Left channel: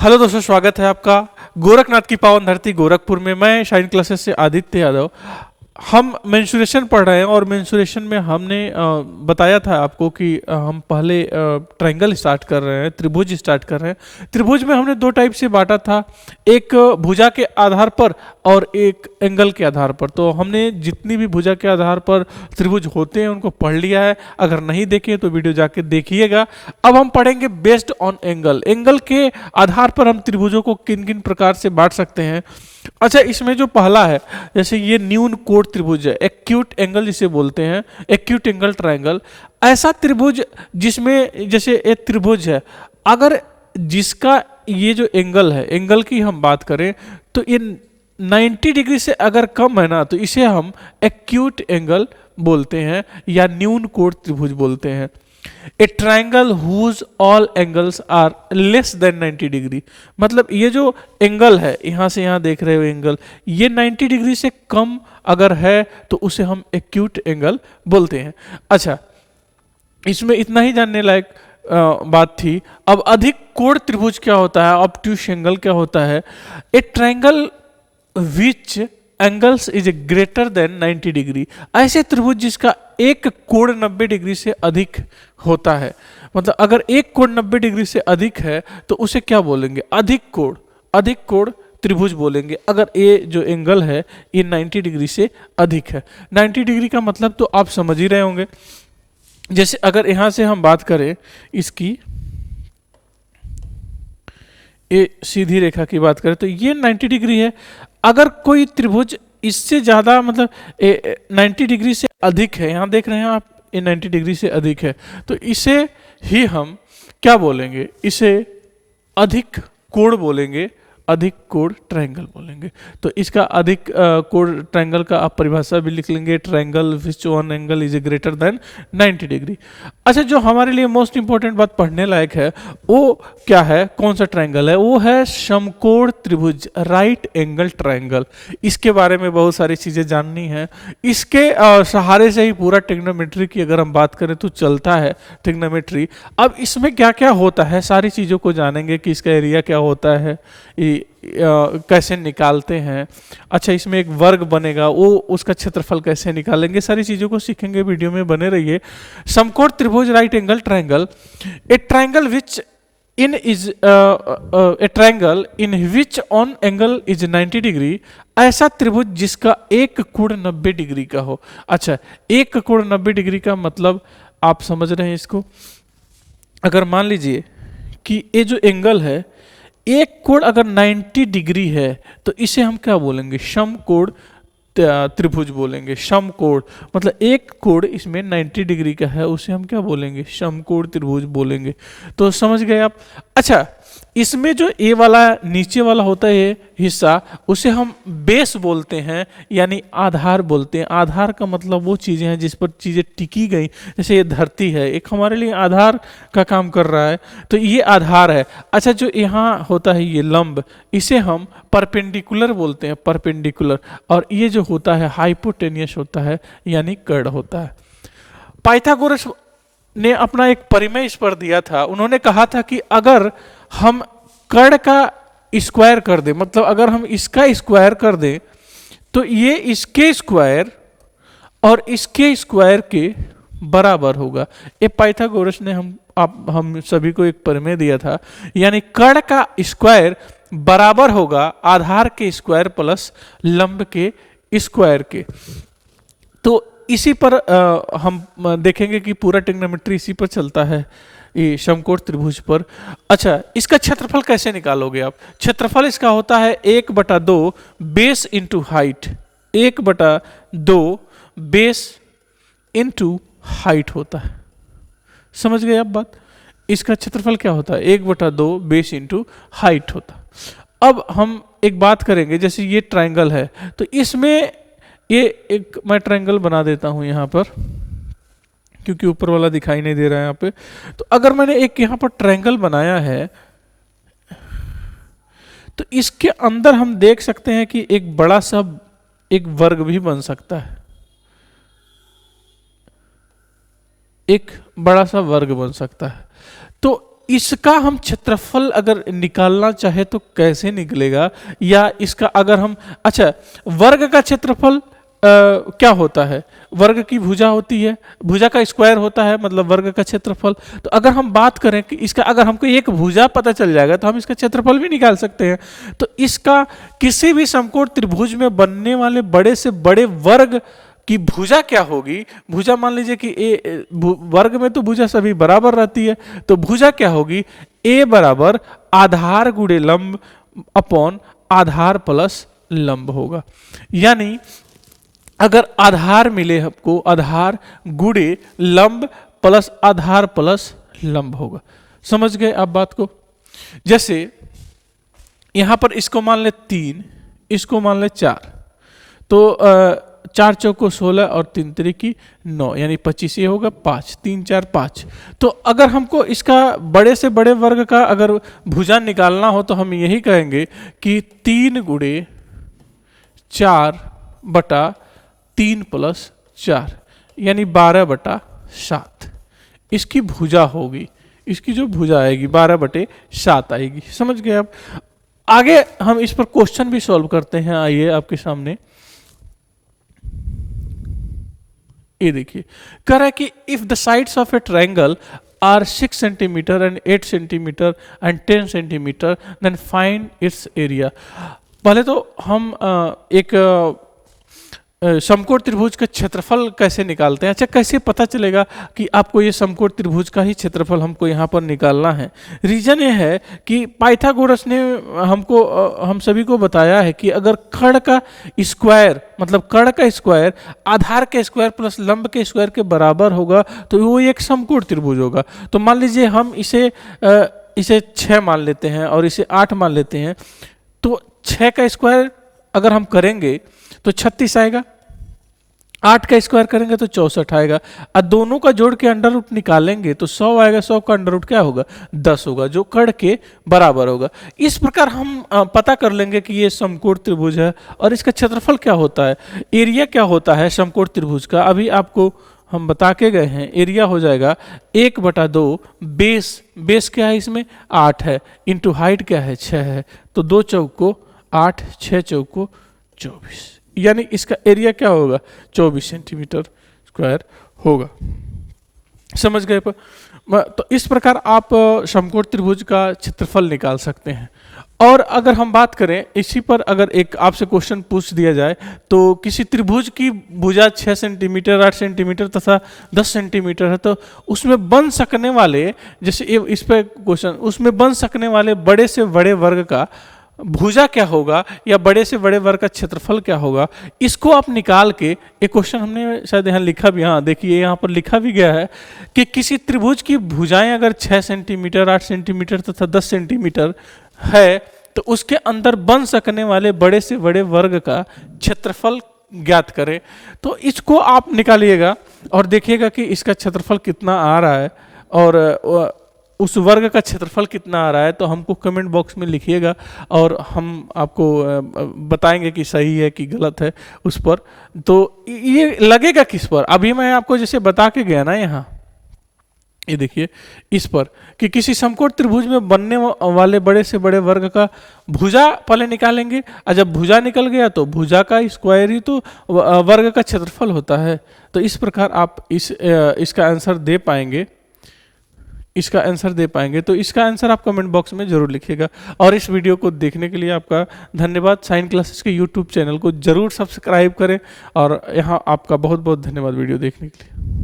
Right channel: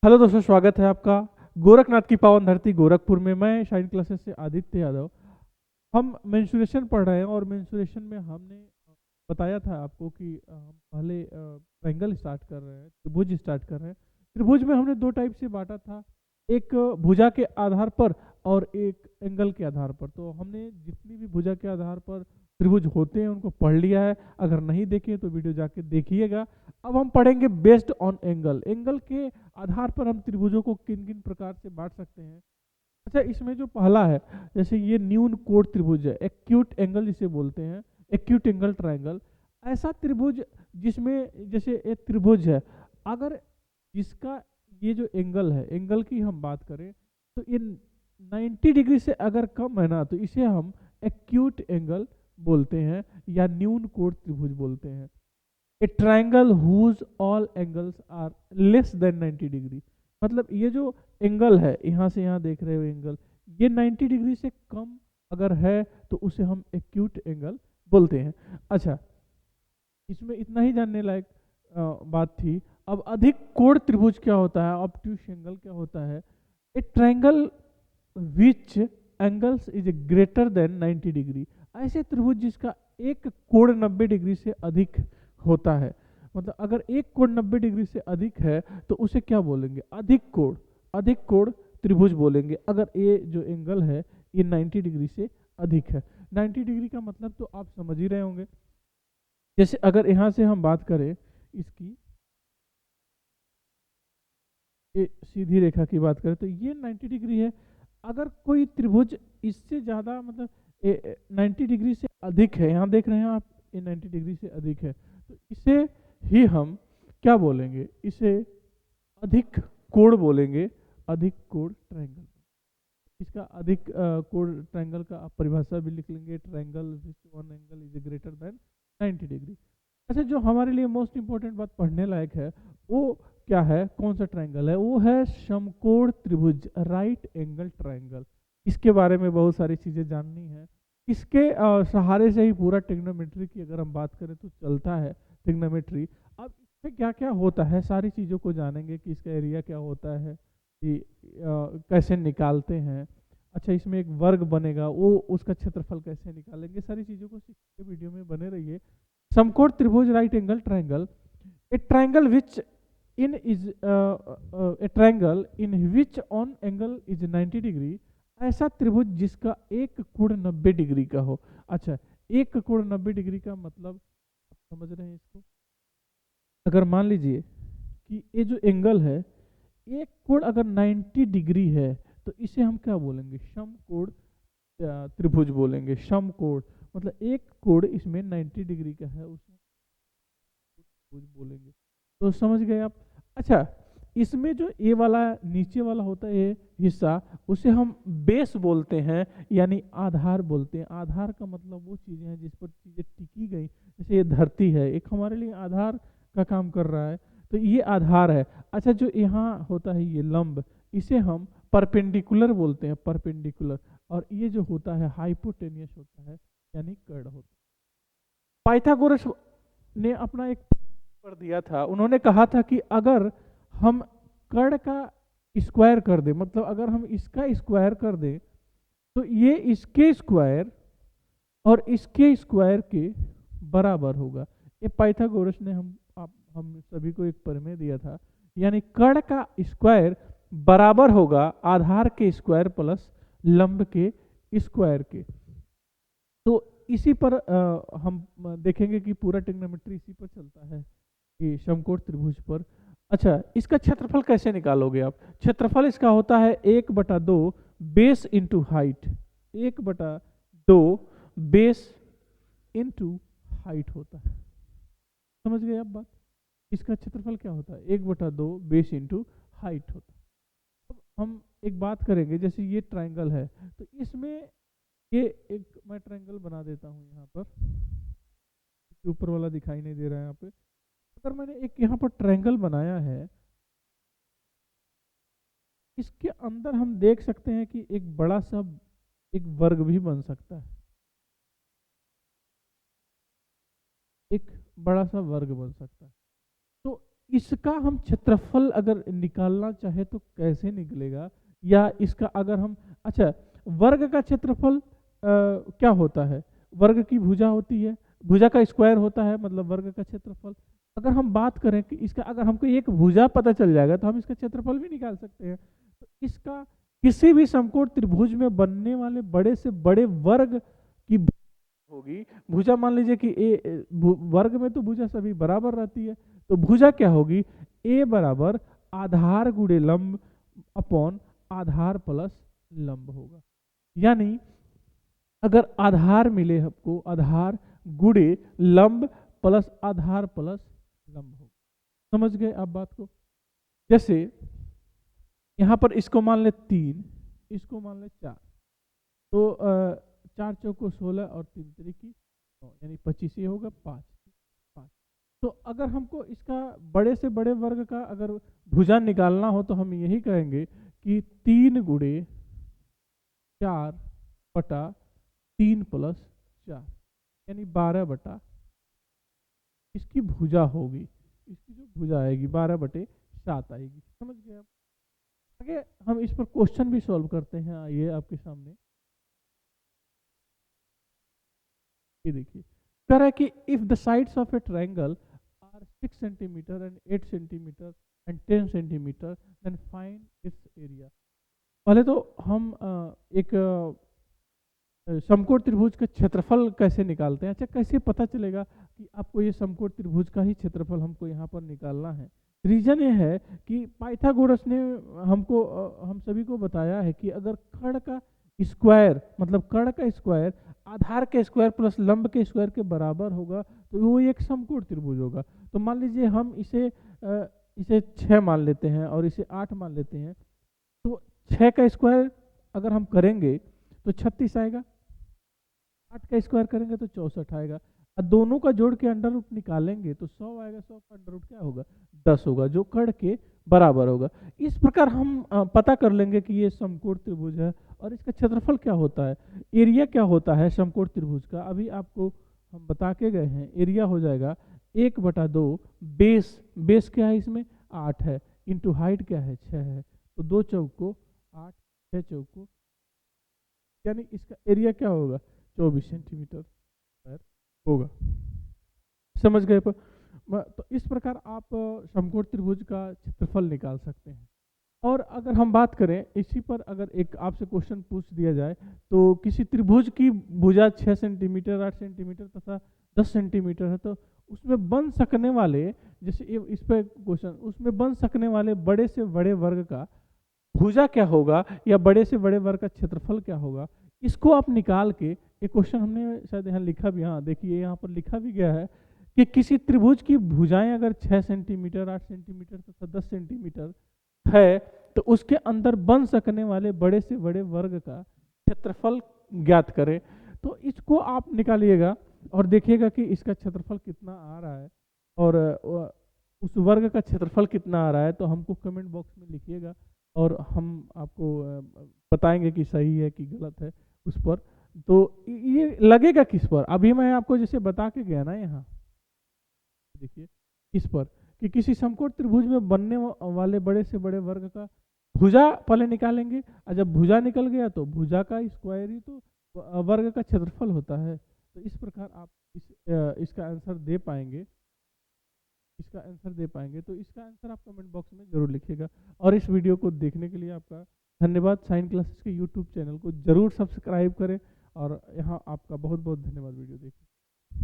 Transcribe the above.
Hello दोस्तों, स्वागत है आपका गोरखनाथ की पावन धरती गोरखपुर में। मैं शाइन क्लासेस से आदित्य यादव। हम मेंसुरेशन पढ़ रहे हैं और मेंसुरेशन में हमने बताया था आपको कि हम पहले ट्रायंगल स्टार्ट कर रहे हैं, त्रिभुज स्टार्ट कर रहे हैं। त्रिभुज में हमने दो टाइप से बांटा था, एक भुजा के आधार पर और एक एंगल के आधार पर। तो हमने जितनी भी भुजा के आधार पर त्रिभुज होते हैं उनको पढ़ लिया है। अगर नहीं देखे तो वीडियो जाके देखिएगा। अब हम पढ़ेंगे बेस्ड ऑन एंगल। एंगल के आधार पर हम त्रिभुजों को किन किन प्रकार से बांट सकते हैं। अच्छा, इसमें जो पहला है, जैसे ये न्यून कोण त्रिभुज है, एक्यूट एंगल जिसे बोलते हैं, एक्यूट एंगल ट्रायंगल। ऐसा त्रिभुज जिसमें जैसे एक त्रिभुज है, अगर जिसका ये जो एंगल है, एंगल की हम बात करें तो ये 90 डिग्री से अगर कम है ना, तो इसे हम एक्यूट एंगल बोलते हैं या न्यून कोण त्रिभुज बोलते हैं। A triangle whose all angles are less than 90 degree, मतलब ये जो एंगल है, यहां से यहां देख रहे हो एंगल, ये 90 डिग्री से कम अगर है तो उसे हम एक्यूट एंगल बोलते हैं। अच्छा, इसमें इतना ही जानने लायक बात थी। अब अधिक कोण त्रिभुज क्या होता है, ऑब्ट्यूस एंगल क्या होता है। ए triangle which angles is greater than 90 degree, ऐसे त्रिभुज जिसका एक कोण 90 डिग्री से अधिक होता है। मतलब अगर एक कोण 90 डिग्री से अधिक है तो उसे क्या बोलेंगे, अधिक कोण त्रिभुज बोलेंगे। अगर ये जो एंगल है ये 90 डिग्री से अधिक है। 90 डिग्री का मतलब तो आप समझ ही रहे होंगे। जैसे अगर यहां से हम बात करें इसकी, ये सीधी रेखा की बात करें तो ये 90 डिग्री है। अगर कोई त्रिभुज इससे ज़्यादा, मतलब 90 डिग्री से अधिक है, यहाँ देख रहे हैं आप, ये 90 डिग्री से अधिक है, तो इसे ही हम क्या बोलेंगे, इसे अधिक कोण बोलेंगे, अधिक कोण ट्रायंगल बोलेंगे। तो इसका अधिक कोण ट्रायंगल का आप परिभाषा भी लिख लेंगे, triangle which one angle is greater than 90 degree. अच्छा, जो हमारे लिए मोस्ट इंपॉर्टेंट बात पढ़ने लायक है वो क्या है, कौन सा ट्रायंगल है, वो है समकोण त्रिभुज, राइट एंगल ट्रायंगल। इसके बारे में बहुत सारी चीज़ें जाननी है। इसके सहारे से ही पूरा ट्रिग्नोमेट्री की अगर हम बात करें तो चलता है ट्रिग्नोमेट्री। अब इसमें क्या क्या होता है सारी चीज़ों को जानेंगे कि इसका एरिया क्या होता है, कैसे निकालते हैं। अच्छा, इसमें एक वर्ग बनेगा, वो उसका क्षेत्रफल कैसे निकालेंगे, सारी चीज़ों को सीखेंगे। वीडियो में बने रहिए। समकोण त्रिभुज, right angle triangle, A triangle which in is a triangle in which on angle is 90 degree, ऐसा त्रिभुज जिसका एक कोण 90 डिग्री का हो। अच्छा, एक कोण 90 डिग्री का मतलब आप समझ रहे हैं इसको। अगर मान लीजिए कि ये जो एंगल है, एक कोण अगर 90 डिग्री है तो इसे हम क्या बोलेंगे, समकोण त्रिभुज बोलेंगे। समकोण मतलब एक कोण इसमें 90 डिग्री का है, उसे हम क्या बोलेंगे, समकोण त्रिभुज बोलेंगे। तो समझ गए आप। अच्छा, इसमें जो ए वाला नीचे वाला होता है ये हिस्सा, उसे हम बेस बोलते हैं, यानी आधार बोलते हैं। आधार का मतलब वो चीज़ें हैं जिस पर चीज़ें टिकी गई। जैसे ये धरती है, एक हमारे लिए आधार का काम कर रहा है, तो ये आधार है। अच्छा, जो यहाँ होता है ये लंब, इसे हम परपेंडिकुलर बोलते हैं, परपेंडिकुलर। और ये जो होता है हाइपोटेनियस होता है, यानी कर्ण होता है। पाइथागोरस ने अपना एक परिमेय इस पर दिया था। उन्होंने कहा था कि अगर हम कर्ण का स्क्वायर कर दें, मतलब अगर हम इसका स्क्वायर कर दें तो ये इसके स्क्वायर और इसके स्क्वायर के बराबर होगा। ये पाइथागोरस ने हम सभी को एक परिमेय दिया था, यानी कर्ण का स्क्वायर बराबर होगा आधार के स्क्वायर प्लस लंब के स्क्वायर के। तो इसी पर हम देखेंगे कि पूरा ट्रिग्नोमेट्री इसी पर चलता है, ये समकोण त्रिभुज पर। अच्छा, इसका क्षेत्रफल कैसे निकालोगे आप। क्षेत्रफल इसका होता है 1/2 base into height, 1/2 base into height होता है। समझ गए आप बात। इसका क्षेत्रफल क्या होता है, 1/2 बेस इंटू हाइट होता है। अब हम एक बात करेंगे, जैसे ये ट्रायंगल है, तो इसमें ये एक मैं ट्रायंगल बना देता हूं यहाँ पर, क्योंकि ऊपर वाला दिखाई नहीं दे रहा है यहाँ पे। तो अगर मैंने एक यहाँ पर ट्रायंगल बनाया है तो इसके अंदर हम देख सकते हैं कि एक बड़ा सा एक वर्ग भी बन सकता है, एक बड़ा सा वर्ग बन सकता है। तो इसका हम क्षेत्रफल अगर निकालना चाहे तो कैसे निकलेगा, या इसका अगर हम, अच्छा वर्ग का क्षेत्रफल क्या होता है, वर्ग की भुजा होती है, भुजा का स्क्वायर होता है, मतलब वर्ग का क्षेत्रफल। तो अगर हम बात करें कि इसका, अगर हमको एक भुजा पता चल जाएगा तो हम इसका क्षेत्रफल भी निकाल सकते हैं। तो इसका किसी भी समकोण त्रिभुज में बनने वाले बड़े से बड़े वर्ग की भुजा क्या होगी, भुजा मान लीजिए कि वर्ग में तो भुजा सभी बराबर रहती है, तो भुजा क्या होगी, ए बराबर आधार गुणे लंब अपॉन आधार प्लस लंब होगा। यानी अगर आधार मिले हमको, आधार गुणे लंब प्लस आधार प्लस लंब होगा। समझ गए आप बात को? जैसे यहां पर इसको मान ले 3, इसको मान ले 4, तो 4 चौको 16 और 3 तिरिकी 9, यानी 25, ये होगा 5, 3 4 5। तो अगर हमको इसका बड़े से बड़े वर्ग का अगर भुजा निकालना हो तो हम यही कहेंगे कि 3 गुणे 4/3 + 4, यानी 12/7 इसकी भुजा होगी। इसकी जो भुजा आएगी 12/7 आएगी। समझ गए आप? आगे हम इस पर क्वेश्चन भी सॉल्व करते हैं। आइए आपके सामने ये देखिए, कह रहा है कि if the sides of a triangle are 6 centimetre and 8 centimetre and 10 centimetre then find its area. पहले तो हम एक समकोण त्रिभुज का क्षेत्रफल कैसे निकालते हैं। अच्छा, कैसे पता चलेगा कि आपको ये समकोण त्रिभुज का ही क्षेत्रफल हमको यहाँ पर निकालना है? रीजन ये है कि पाइथागोरस ने हमको, हम सभी को बताया है कि अगर कर्ण का स्क्वायर, मतलब कर्ण का स्क्वायर आधार के स्क्वायर प्लस लंब के स्क्वायर के बराबर होगा तो वो एक समकोण त्रिभुज होगा। तो मान लीजिए हम इसे 6 मान लेते हैं और इसे 8 मान लेते हैं, तो 6 का स्क्वायर अगर हम करेंगे तो 36 आएगा, 8 का स्क्वायर करेंगे तो 64 आएगा, और दोनों का जोड़ के अंडर रूट निकालेंगे तो 100 आएगा। 100 का अंडर रूट क्या होगा? 10 होगा, जो कर्ण के बराबर होगा। इस प्रकार हम पता कर लेंगे कि ये समकोण त्रिभुज है और इसका क्षेत्रफल क्या होता है, एरिया क्या होता है समकोण त्रिभुज का। अभी आपको हम बता के गए हैं, एरिया हो जाएगा 1/2 बेस क्या है इसमें 8 है, इंटू हाइट क्या है 6 है, तो 2 चौको 8, 6 चौको 24, यानी इसका एरिया क्या होगा 24 सेंटीमीटर स्क्वायर होगा। समझ गए? तो इस प्रकार आप समकोण त्रिभुज का क्षेत्रफल निकाल सकते हैं। और अगर हम बात करें इसी पर, अगर एक आपसे क्वेश्चन पूछ दिया जाए तो किसी त्रिभुज की भुजा 6 सेंटीमीटर 8 सेंटीमीटर तथा 10 सेंटीमीटर है, तो उसमें बन सकने वाले, जैसे इस पर क्वेश्चन, उसमें बन सकने वाले बड़े से बड़े वर्ग का भुजा क्या होगा या बड़े से बड़े वर्ग का क्षेत्रफल क्या होगा, इसको आप निकाल के, एक क्वेश्चन हमने शायद यहाँ लिखा भी, हाँ देखिए यहाँ पर लिखा भी गया है कि किसी त्रिभुज की भुजाएं अगर 6 सेंटीमीटर 8 सेंटीमीटर तथा 10 सेंटीमीटर है तो उसके अंदर बन सकने वाले बड़े से बड़े वर्ग का क्षेत्रफल ज्ञात करें। तो इसको आप निकालिएगा और देखिएगा कि इसका क्षेत्रफल कितना आ रहा है और उस वर्ग का क्षेत्रफल कितना आ रहा है। तो हमको कमेंट बॉक्स में लिखिएगा और हम आपको बताएंगे कि सही है कि गलत है उस पर। तो ये लगेगा किस पर, अभी मैं आपको जैसे बता के गया ना, यहाँ ये देखिए इस पर कि किसी समकोण त्रिभुज में बनने वाले बड़े से बड़े वर्ग का भुजा पहले निकालेंगे, और जब भुजा निकल गया तो भुजा का स्क्वायर ही तो वर्ग का क्षेत्रफल होता है। तो इस प्रकार आप इसका आंसर दे पाएंगे, इसका आंसर दे पाएंगे। तो इसका आंसर आप कमेंट बॉक्स में जरूर लिखिएगा। और इस वीडियो को देखने के लिए आपका धन्यवाद। साइन क्लासेस के यूट्यूब चैनल को जरूर सब्सक्राइब करें और यहाँ आपका बहुत बहुत धन्यवाद वीडियो देखने के लिए।